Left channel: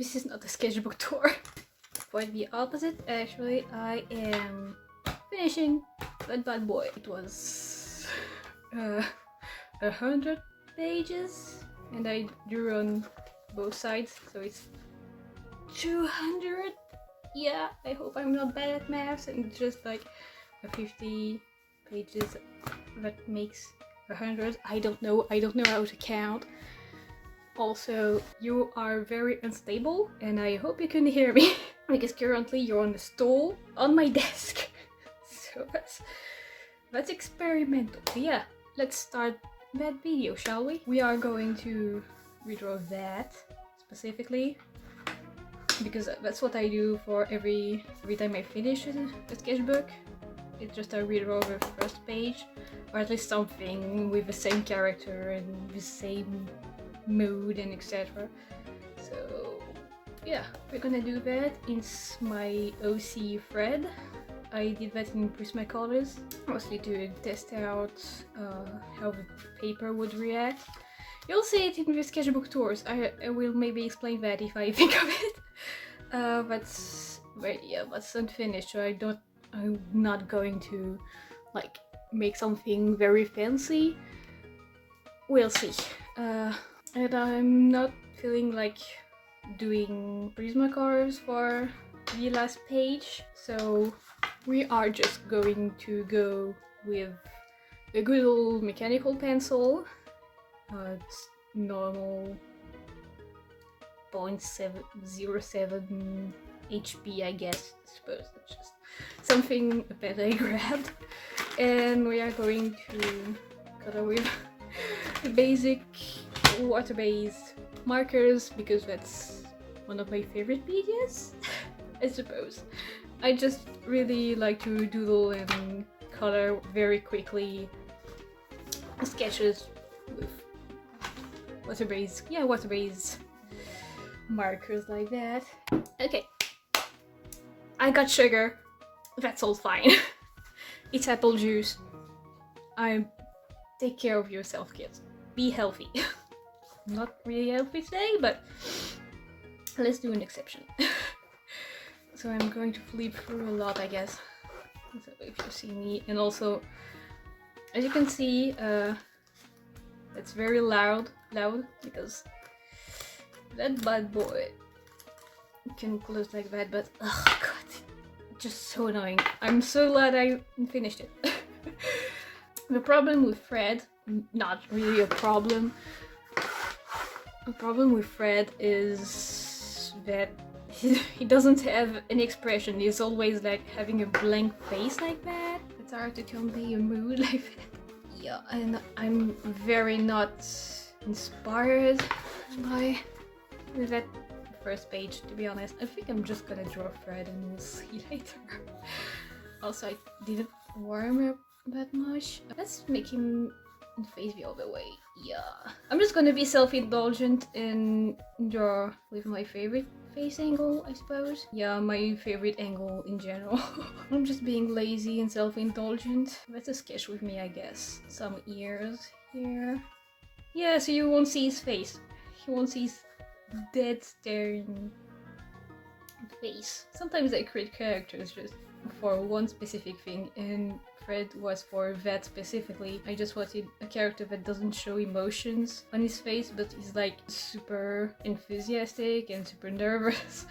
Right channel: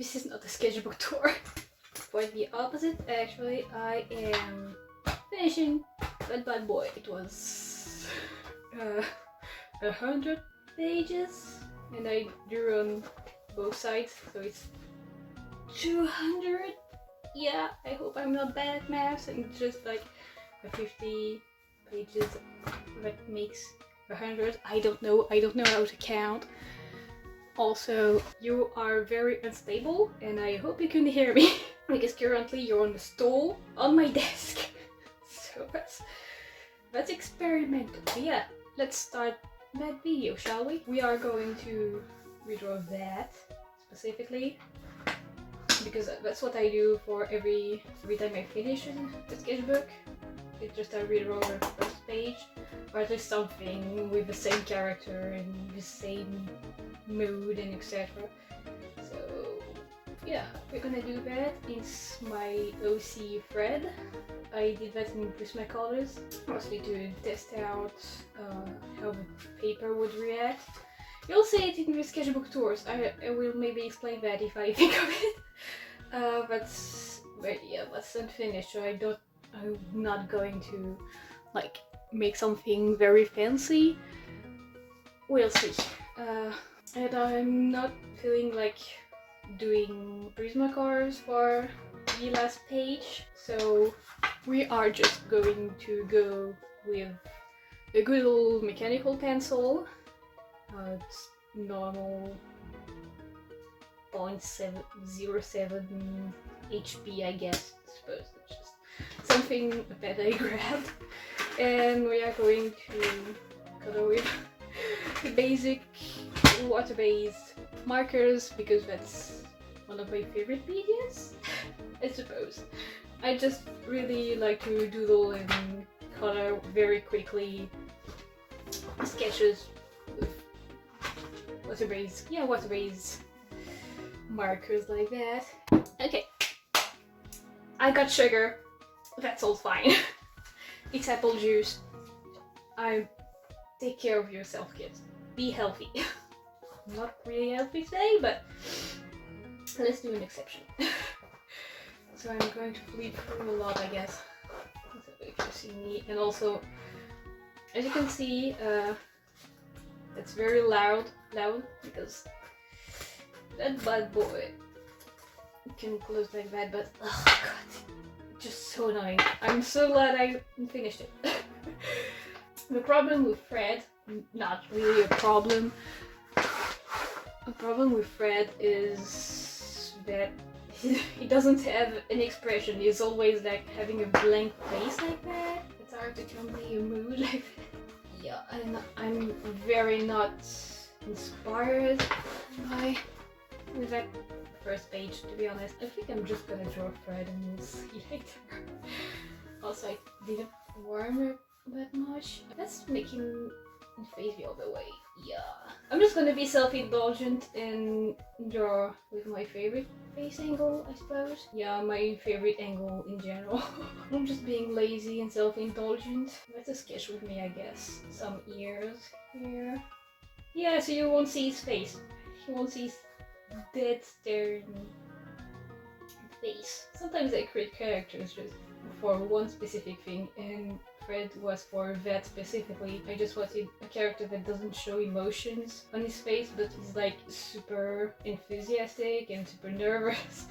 This is not a sketchbook tour. Quite the opposite. Actually, I am finishing that bad boy. It was 100 pages, and I drew on both sides, so it's 200. Yeah, I hope I'm not bad at math, and just like 50 pages that makes 100. I don't know how to count. Also, you are very unstable, and I hope you can hear me because currently you're on the stool on my desk. So that's experimental. But yeah, let's start that video, shall we? We are going to redraw that specifically because that's what I do for every time I finish a sketchbook. It's just I redraw the first page, or at least something with the same character and the same mood and etc. So yeah, we're gonna do that. It's my OC thread. I did that in Prismacolors, mostly to test out how the paper would react. You'll see it in the sketchbook tours. I will maybe explain that if I think of it. But yeah, that's unfinished, so I'm not going to like make something very fancy. We'll see. And I'm not feeling like doing Prismacolors for the last page, so we are just going to go with a good old mechanical pencil. It's normal 0.07 HP, I guess. I suppose it's just something that I grabbed, and we are going to color with the basic water-based markers because that's one of my favorite medias, I suppose. I just really like to doodle and color very quickly sketches with water-based markers like that. Okay, I got sugar. That's all fine. It's apple juice. Take care of yourself, kids. Be healthy. Not really healthy today, but let's do an exception. So I'm going to flip through a lot, I guess. So if you see me, and also, as you can see, it's very loud because that bad boy can close like that. But oh god, just so annoying. I'm so glad I finished it. The problem with Fred, not really a problem. The problem with Fred is that he doesn't have an expression. He's always like having a blank face like that. It's hard to convey a mood like that. Yeah, and I'm very not inspired by that first page, to be honest. I think I'm just gonna draw Fred and we'll see later. Also, I didn't warm up that much. Let's make him face the other way. Yeah, I'm just gonna be self-indulgent and draw with my favorite face angle, I suppose. Yeah, my favorite angle in general. I'm just being lazy and self-indulgent. That's a sketch with me, I guess. Some ears here. Yeah, so you won't see his face. You won't see his dead staring face. Sometimes I create characters just for one specific thing, and Fred was for that specifically. I just wanted a character that doesn't show emotions on his face, but is like super enthusiastic and super nervous.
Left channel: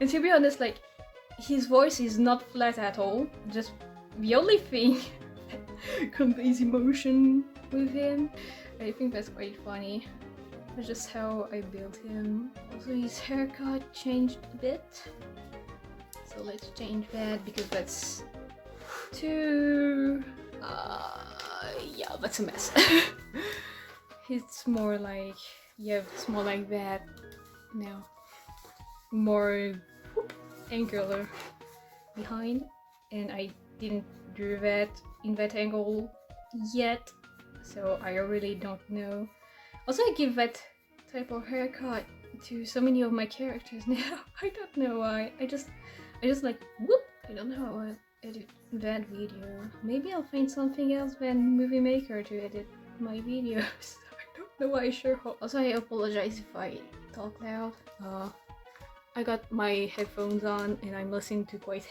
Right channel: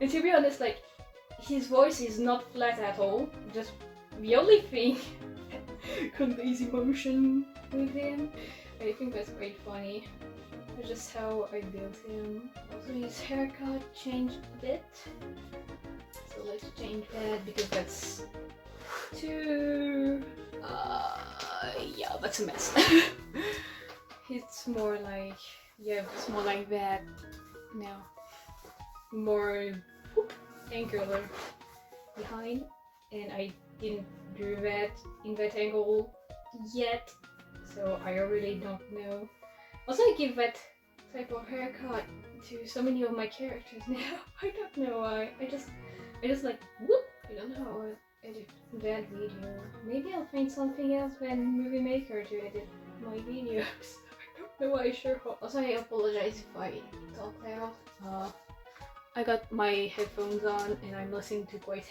And to be honest, like, his voice is not flat at all. Just the only thing that conveys emotion with him. I think that's quite funny. That's just how I built him. Also, his haircut changed a bit. So let's change that because that's too... yeah, that's a mess. It's more like... yeah, it's more like that now. More angular behind. And I didn't do that in that angle yet. So I really don't know. Also, I give that type of haircut to so many of my characters now. I don't know why. I just like, whoop! I don't know how I edit that video. Maybe I'll find something else than Movie Maker to edit my videos. I don't know why I sure hope. Also, I apologize if I talk loud. I got my headphones on and I'm listening to quite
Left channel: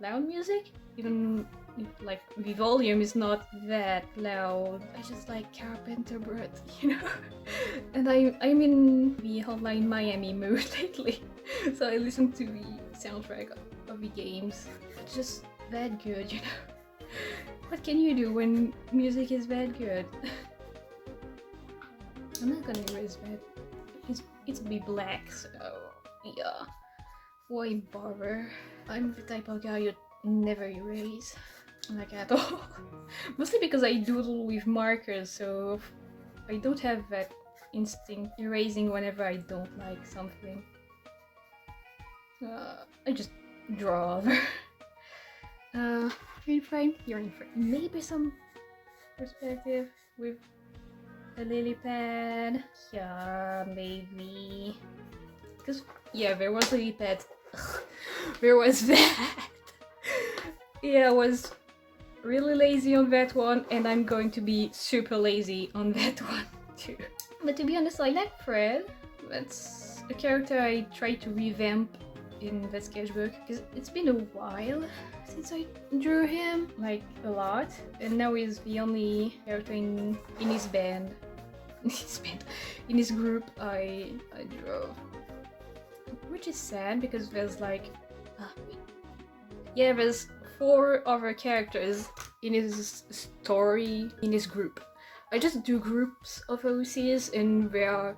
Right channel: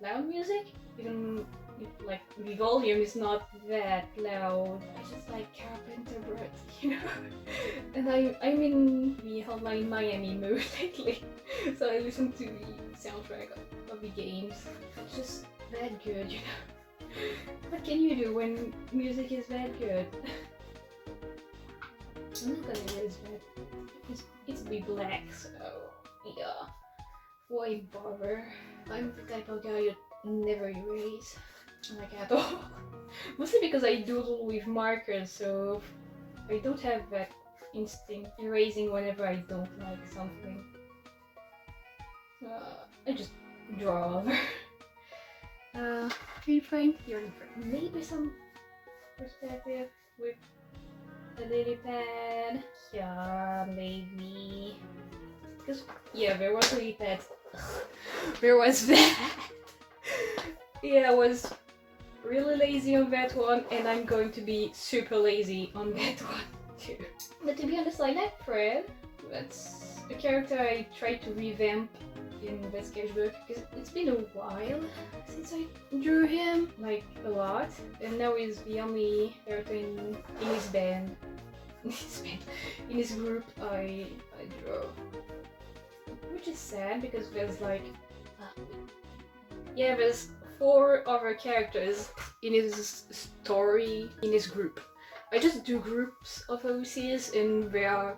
loud music, even if like the volume is not that loud. I just like Carpenter Brut, you know. And I'm in the Hotline Miami mood lately, so I listen to the soundtrack of the games. It's just that good, you know. What can you do when music is that good? I'm not gonna erase that. It's be black, so yeah. Why bother? I'm the type of guy who never erase, like at all. Mostly because I doodle with markers, so I don't have that instinct erasing whenever I don't like something. I just draw over. You're in frame. Maybe some perspective with a lily pad. Yeah, maybe. Because, yeah, there was a lily pad. There was that. Yeah, I was really lazy on that one, and I'm going to be super lazy on that one too. But to be honest, I like Fred. That's a character I tried to revamp in the sketchbook because it's been a while since I drew him, like a lot, and now he's the only character in his band, in his group I draw, which is sad because there's like, yeah, there's 4 other characters in his story in his group. I just do groups of OCs and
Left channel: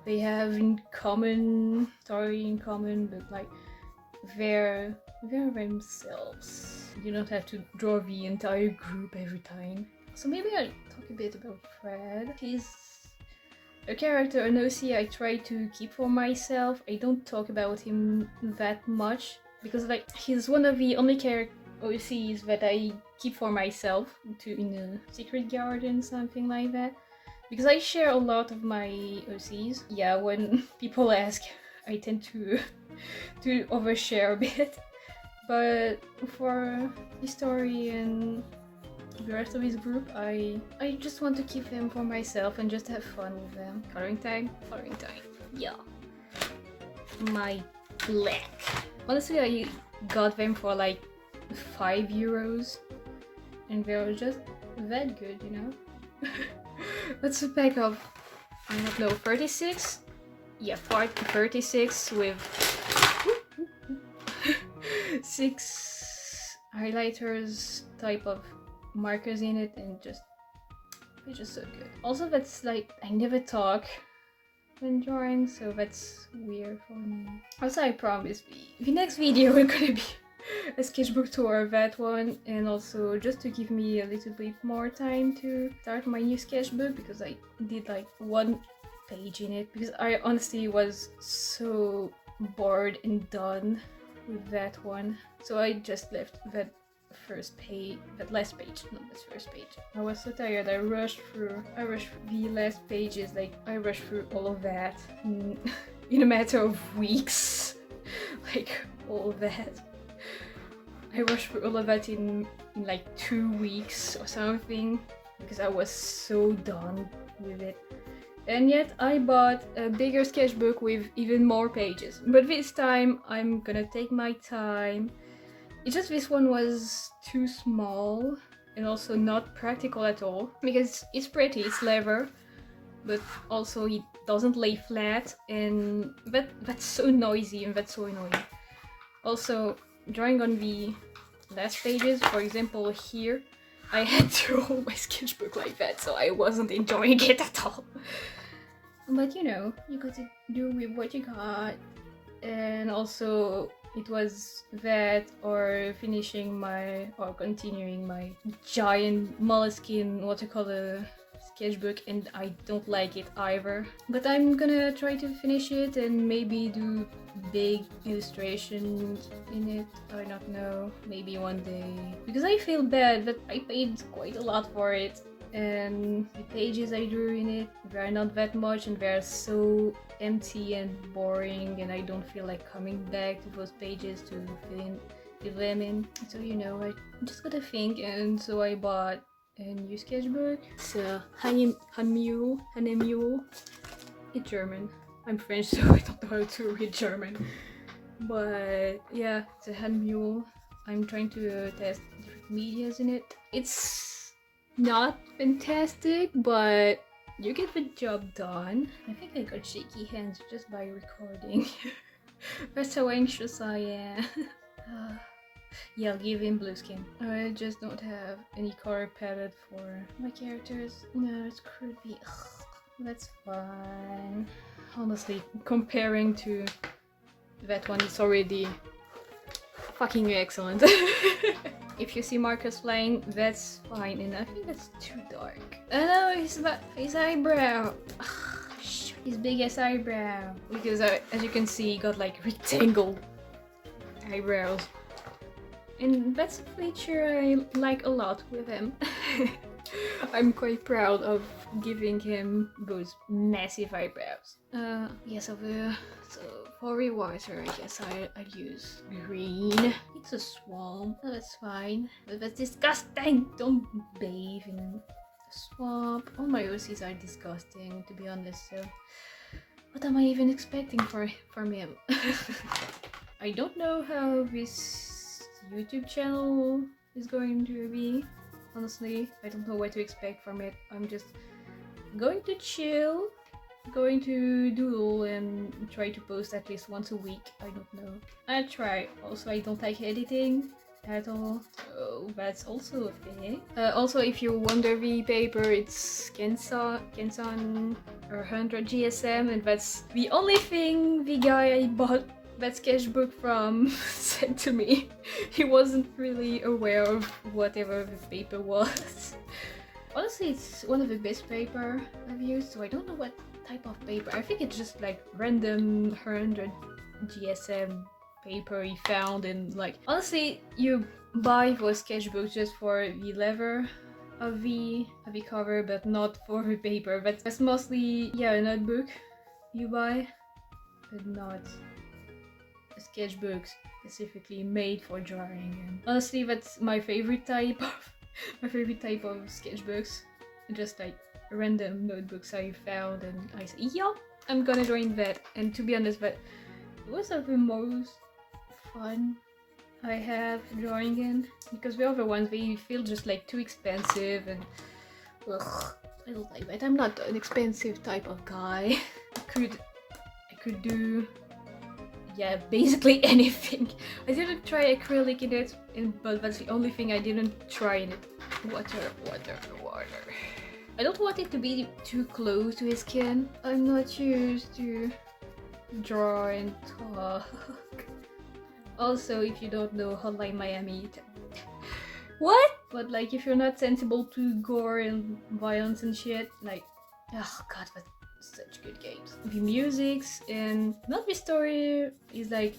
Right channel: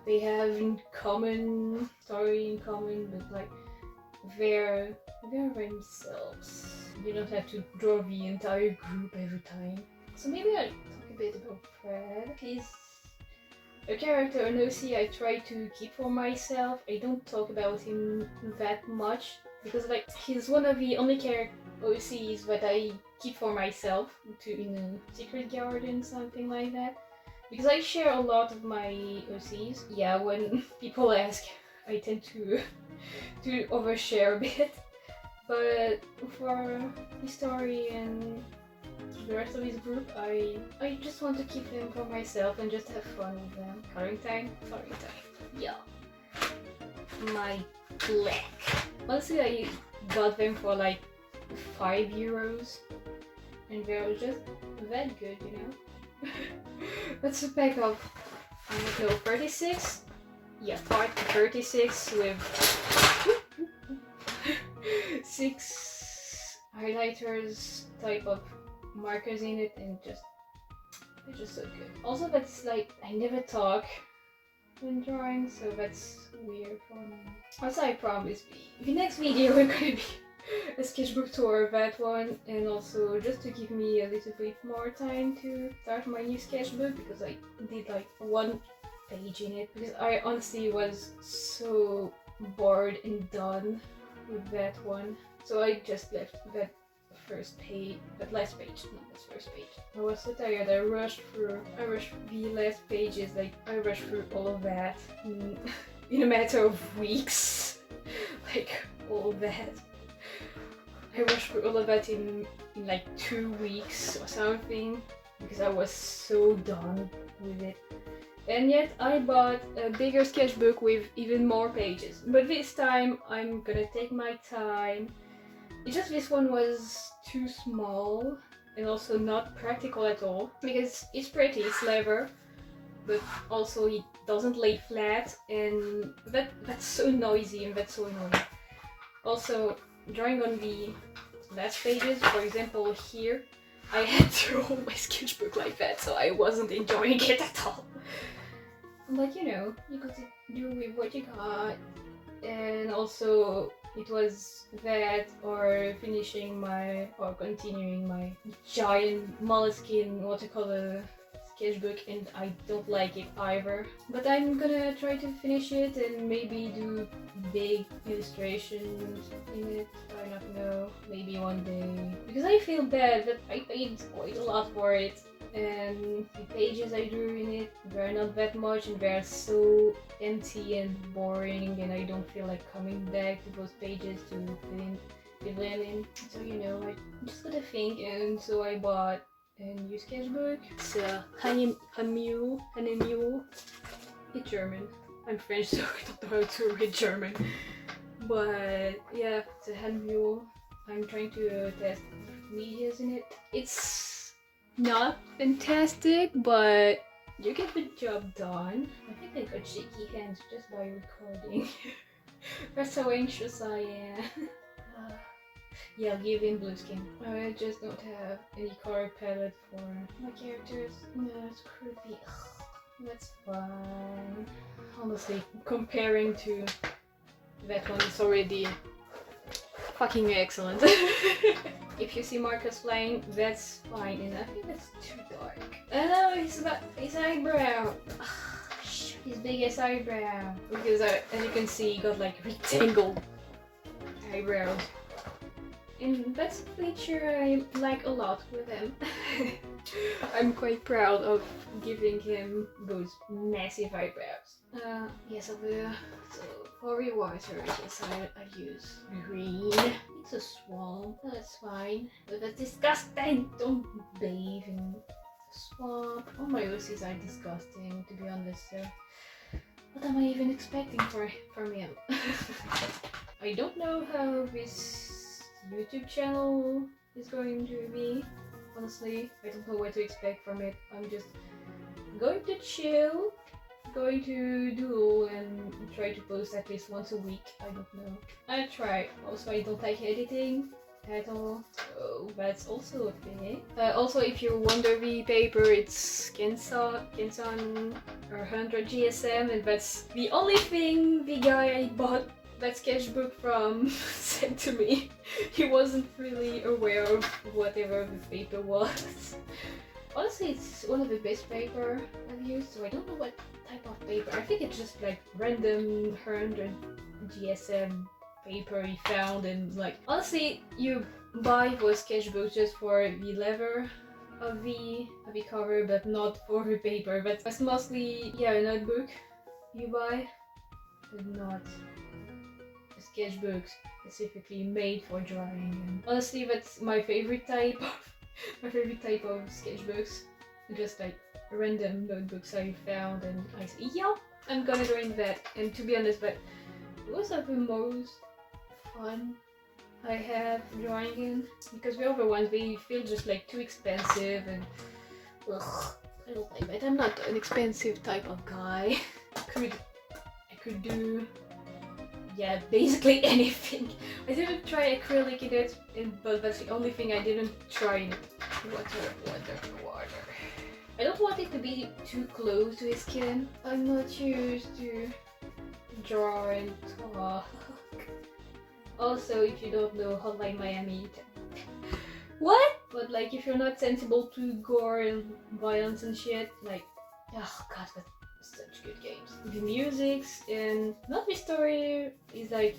they have in common story in common, but like they're themselves. You don't have to draw the entire group every time. So maybe I'll talk a bit about Fred. He's a character, an OC I try to keep for myself. I don't talk about him that much because like he's one of the only OCs that I keep for myself in a secret garden, something like that. Because I share a lot of my OCs. Yeah, when people ask, I tend to overshare a bit. But for his story and the rest of his group, I just want to keep them for myself and just have fun with them. Coloring time. Yeah. My black. Honestly, I got them for like €5 and they were just that good, you know. That's a pack of, I don't know, 36? Yeah, 36 with 6 highlighters type of markers in it, and they're just so good. Also, that's like, I never talk when drawing, so that's weird for me. Also, I promise the next video we're gonna be a sketchbook tour of that one, and also just to give me a little bit more time to start my new sketchbook because I did like 1 page in it because I honestly was so bored and done with that one, so I just left that last page, not the first page. I was so tired. I rushed the last pages, like I rushed through all of that in a matter of weeks. Like all of that. I rushed through all of that in like 2 weeks or something because I was so done with it. And yet I bought a bigger sketchbook with even more pages. But this time I'm gonna take my time. It's just this one was too small and also not practical at all because it's pretty, it's leather, but also it doesn't lay flat, and that's so noisy and that's so annoying. Also, drawing on the last pages, for example here, I had to hold my sketchbook like that, so I wasn't enjoying it at all. But you know, you got to do with what you got. And also it was that or continuing my giant moleskin watercolor sketchbook, and I don't like it either. But I'm gonna try to finish it and maybe do big illustrations in it. I don't know, maybe one day. Because I feel bad that I paid quite a lot for it, and the pages I drew in it, they're not that much and they're so empty and boring, and I don't feel like coming back to those pages to fill them in. So you know, I just gotta think, and so I bought a new sketchbook. It's a Hanemule. It's German. I'm French, so I don't know how to read German. But yeah, it's a hand mule. I'm trying to test different medias in it. It's not fantastic, but you get the job done. I think I got shaky hands just by recording. That's how anxious I am. Yeah, I'll give him blue skin. I just don't have any color palette for my characters. No, it's creepy. That's fine. Honestly, comparing to that one, it's already fucking excellent. If you see Marcus flying, that's fine, and I think that's too dark. Oh no, his eyebrow. His biggest eyebrow. Because as you can see, he got like rectangle eyebrows. And that's a feature I like a lot with him. I'm quite proud of giving him those massive eyebrows. Yes, I will. So for rewater, I guess I'd use green. It's a swamp. Oh, that's fine. But that's disgusting. Don't bathe in a swamp. All my OCs are disgusting, to be honest. So what am I even expecting from him? I don't know how this YouTube channel is going to be. Honestly, I don't know what to expect from it. I'm just going to chill, going to doodle and try to post at least once a week. I don't know. I try. Also, I don't like editing at all, so that's also a thing. Also, if you wonder the paper, it's Kenson 100 GSM, and that's the only thing the guy I bought that sketchbook from said to me. He wasn't really aware of whatever the paper was. Honestly, it's one of the best paper I've used, so I don't know what type of paper. I think it's just like random 100 GSM paper he found, and like honestly, you buy those sketchbooks just for the leather of the cover, but not for the paper. But that's mostly, yeah, a notebook you buy, but not sketchbooks specifically made for drawing. And honestly, that's my favorite type of sketchbooks. Just like random notebooks I found, and I said, yeah, I'm gonna draw in that. And to be honest, that those are the most fun I have drawing in, because the other ones, they feel just like too expensive, and ugh, I don't like that. I'm not an expensive type of guy. I could do, yeah, basically anything. I didn't try acrylic in it, but that's the only thing I didn't try in it. Water. I don't want it to be too close to his skin. I'm not used to draw and talk. Also, if you don't know Hotline Miami, what? But like, if you're not sensible to gore and violence and shit, like, oh god, that's such good games. The musics and not the story is like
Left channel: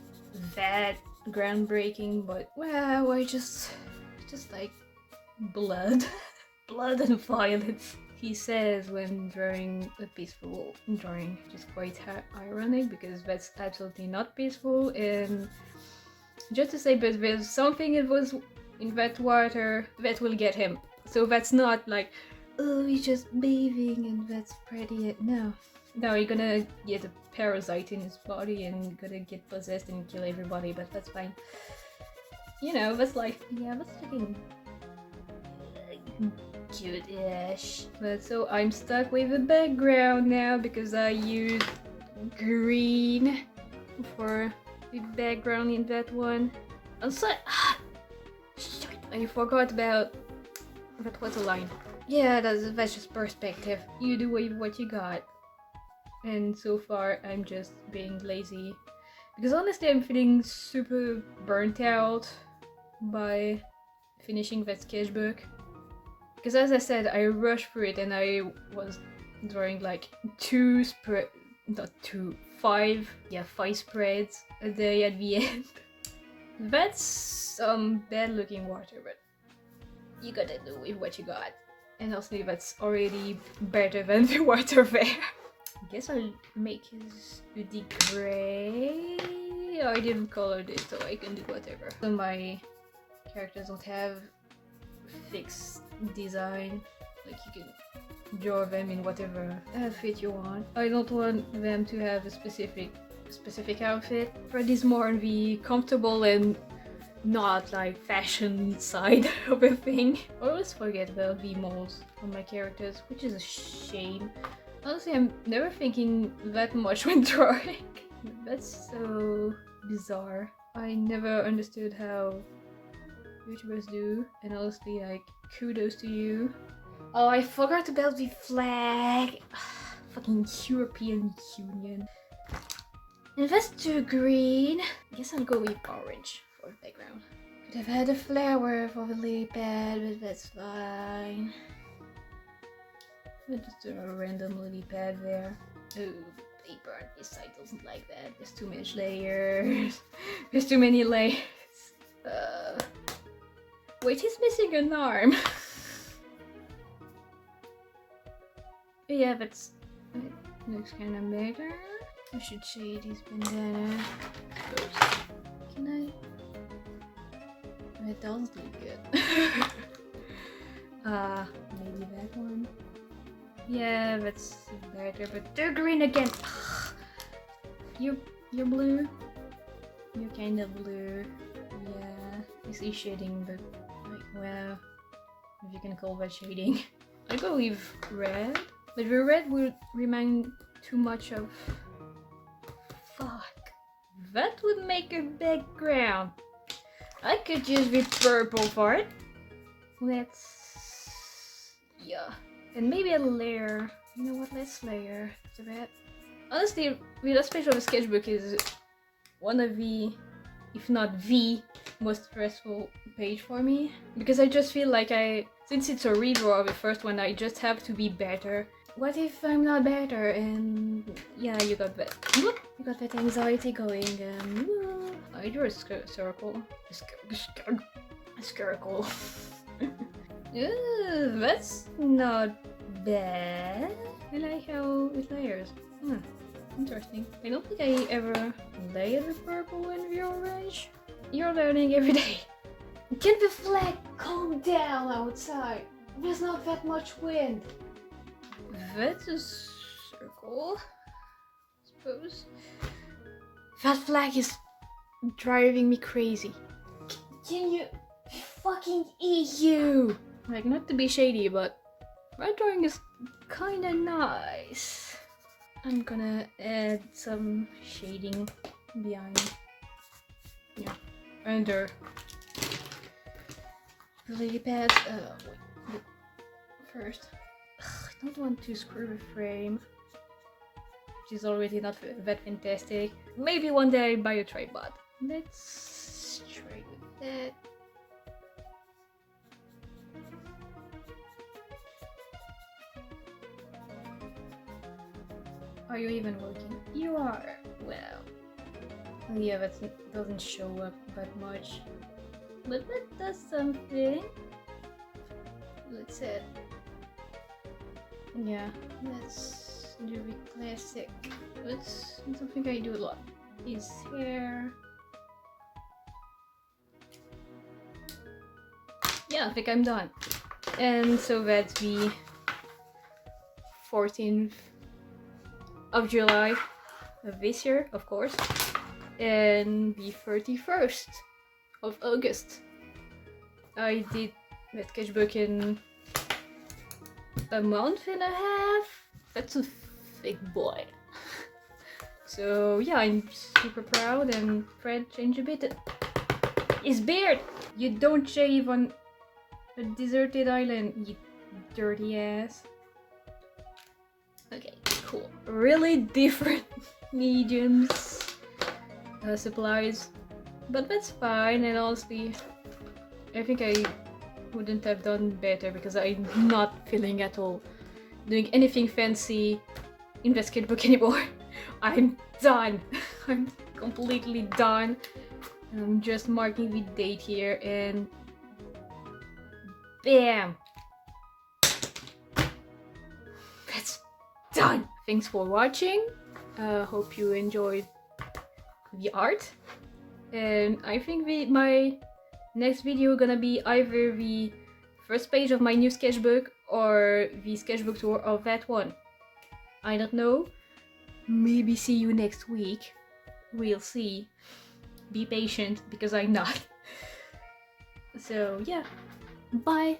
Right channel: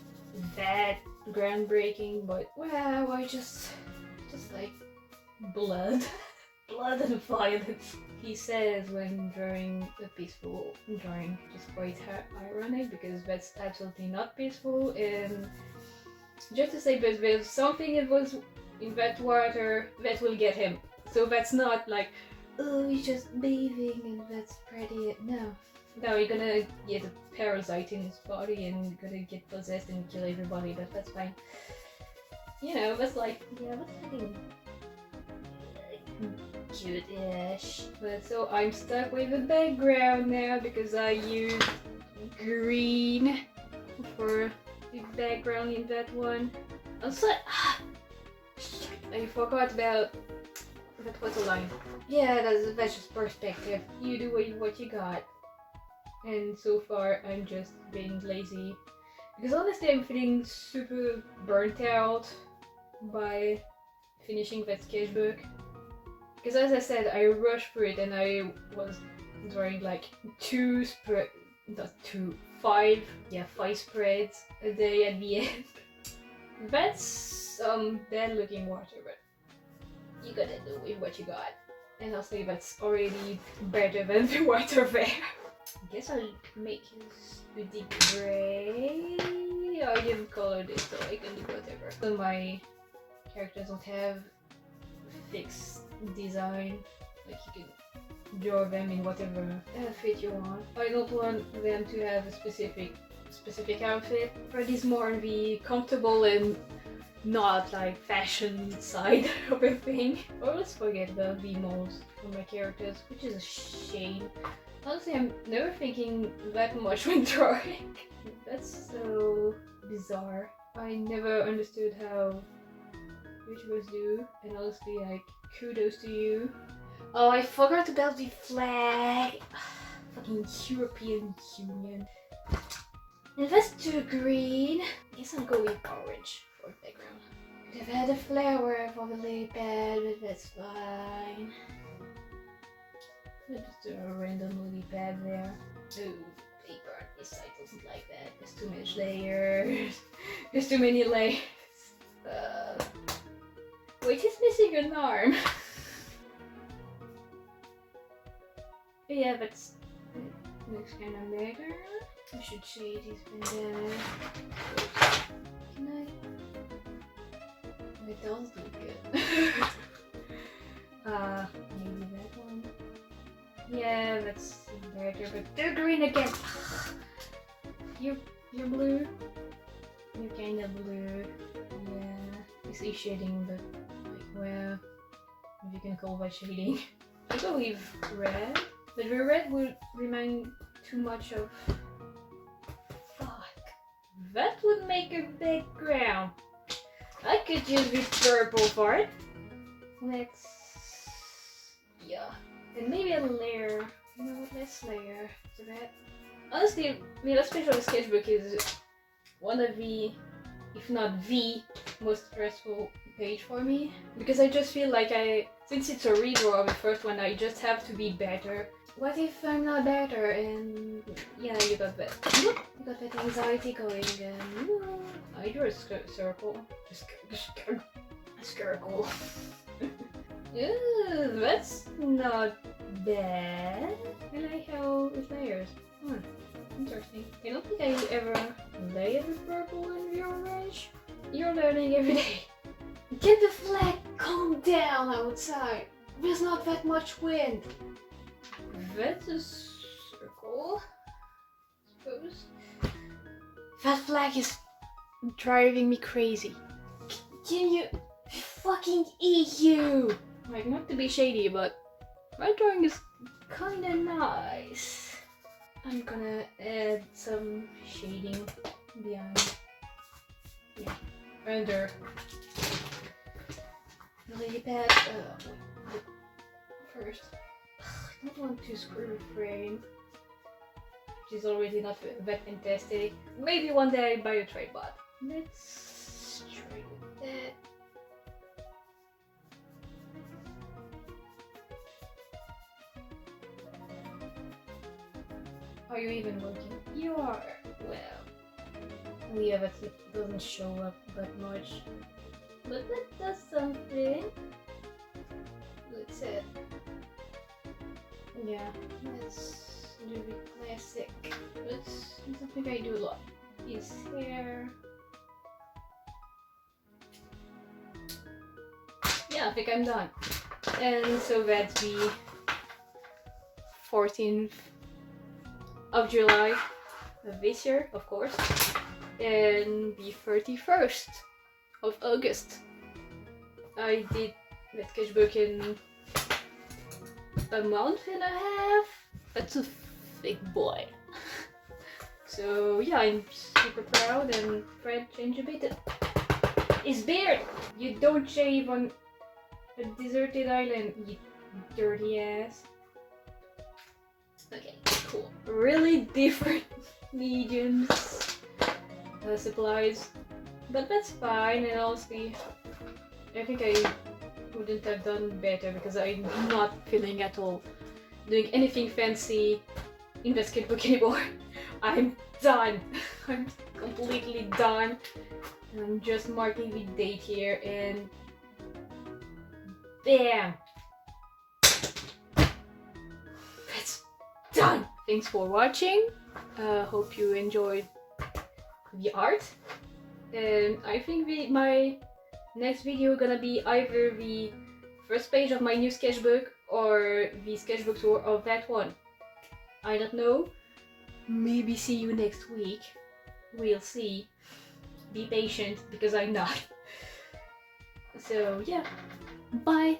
that groundbreaking, but wow, I just like blood. Blood and violence. He says when drawing a peaceful drawing, which is quite ironic because that's absolutely not peaceful. And just to say, but there's something that was in that water that will get him. So that's not like, oh, he's just bathing and that's pretty. No, you're gonna get a parasite in his body and you're gonna get possessed and kill everybody, but that's fine. You know, that's like, yeah, that's fucking cute-ish. But so I'm stuck with the background now because I used green for the background in that one. Also, shit, I forgot about, that was a line. Yeah, that's just perspective. You do with what you got. And so far I'm just being lazy. Because honestly I'm feeling super burnt out by finishing that sketchbook. Because as I said, I rushed through it and I was drawing like 5 spreads a day at the end. That's some bad looking water, but you gotta do with what you got. And honestly, that's already better than the water there. I guess I'll make his hoodie gray. I didn't color this, so I can do whatever. So my characters don't have fixed design, like you can draw them in whatever outfit you want. I don't want them to have a specific specific outfit. Fred is more on the comfortable and not like fashion side of a thing. I always forget about the moles on my characters, which is a shame. Honestly, I'm never thinking that much when drawing. That's so bizarre. I never understood how YouTubers do, and honestly, like, kudos to you. Oh, I forgot about the flag. Fucking European Union. And that's too green. I guess I'll go with orange for background. Could have had a flower for the lily pad, but that's fine. We'll just do a random lily pad there. Ooh, paper on this side doesn't like that. There's too much layers. There's too many layers. Wait, he's missing an arm. Yeah, that's looks kind of better. I should shade his bandana. Can I? It does look good. Maybe that one. Yeah, that's better, but they're green again. You're blue. You're kind of blue. Yeah, I see shading, but like, well, if you can call that shading. I go with red, but the red would remind too much of. Fuck. That would make a background. I could use the purple part. Let's. Yeah. And maybe a layer. You know what? Let's layer to that. Honestly, the last page of a sketchbook is one of the, if not the, most stressful page for me. Because I just feel like since it's a redraw of the first one, I just have to be better. What if I'm not better? And yeah, you got that anxiety going. And I drew a circle. A circle. That's not bad. I like how it layers. Interesting. I don't think I ever layered the purple and the orange. You're learning every day. Get the flag calm down outside. There's not that much wind. That's a circle, I suppose. That flag is driving me crazy. Can you fucking eat you? Like, not to be shady, but my drawing is kinda nice. I'm gonna add some shading behind. Yeah, under the lily pad. First, I don't want to screw the frame, which is already not that fantastic. Maybe one day I'll buy a tripod. Let's try with that. Are you even looking? You are. Well, yeah, that doesn't show up that much, but that does something. Let's see. Yeah, let's do the classic. That's something I do a lot. His hair. Yeah, I think I'm done. And so that's the 14th of July of this year, of course, and the 31st of August. I did the sketchbook in a month and a half. That's a thick boy. So yeah, I'm super proud, and Fred changed a bit. His beard! You don't shave on a deserted island, you dirty ass. Okay, cool. Really different mediums, supplies, but that's fine. And honestly, I think I wouldn't have done better because I'm not feeling at all doing anything fancy in the sketchbook anymore. I'm done. I'm completely done. I'm just marking the date here and bam! That's done! Thanks for watching. Hope you enjoyed the art. And I think my next video gonna be either the first page of my new sketchbook or the sketchbook tour of that one. I don't know. Maybe see you next week. we'll see. Be patient because I'm not. So yeah, bye.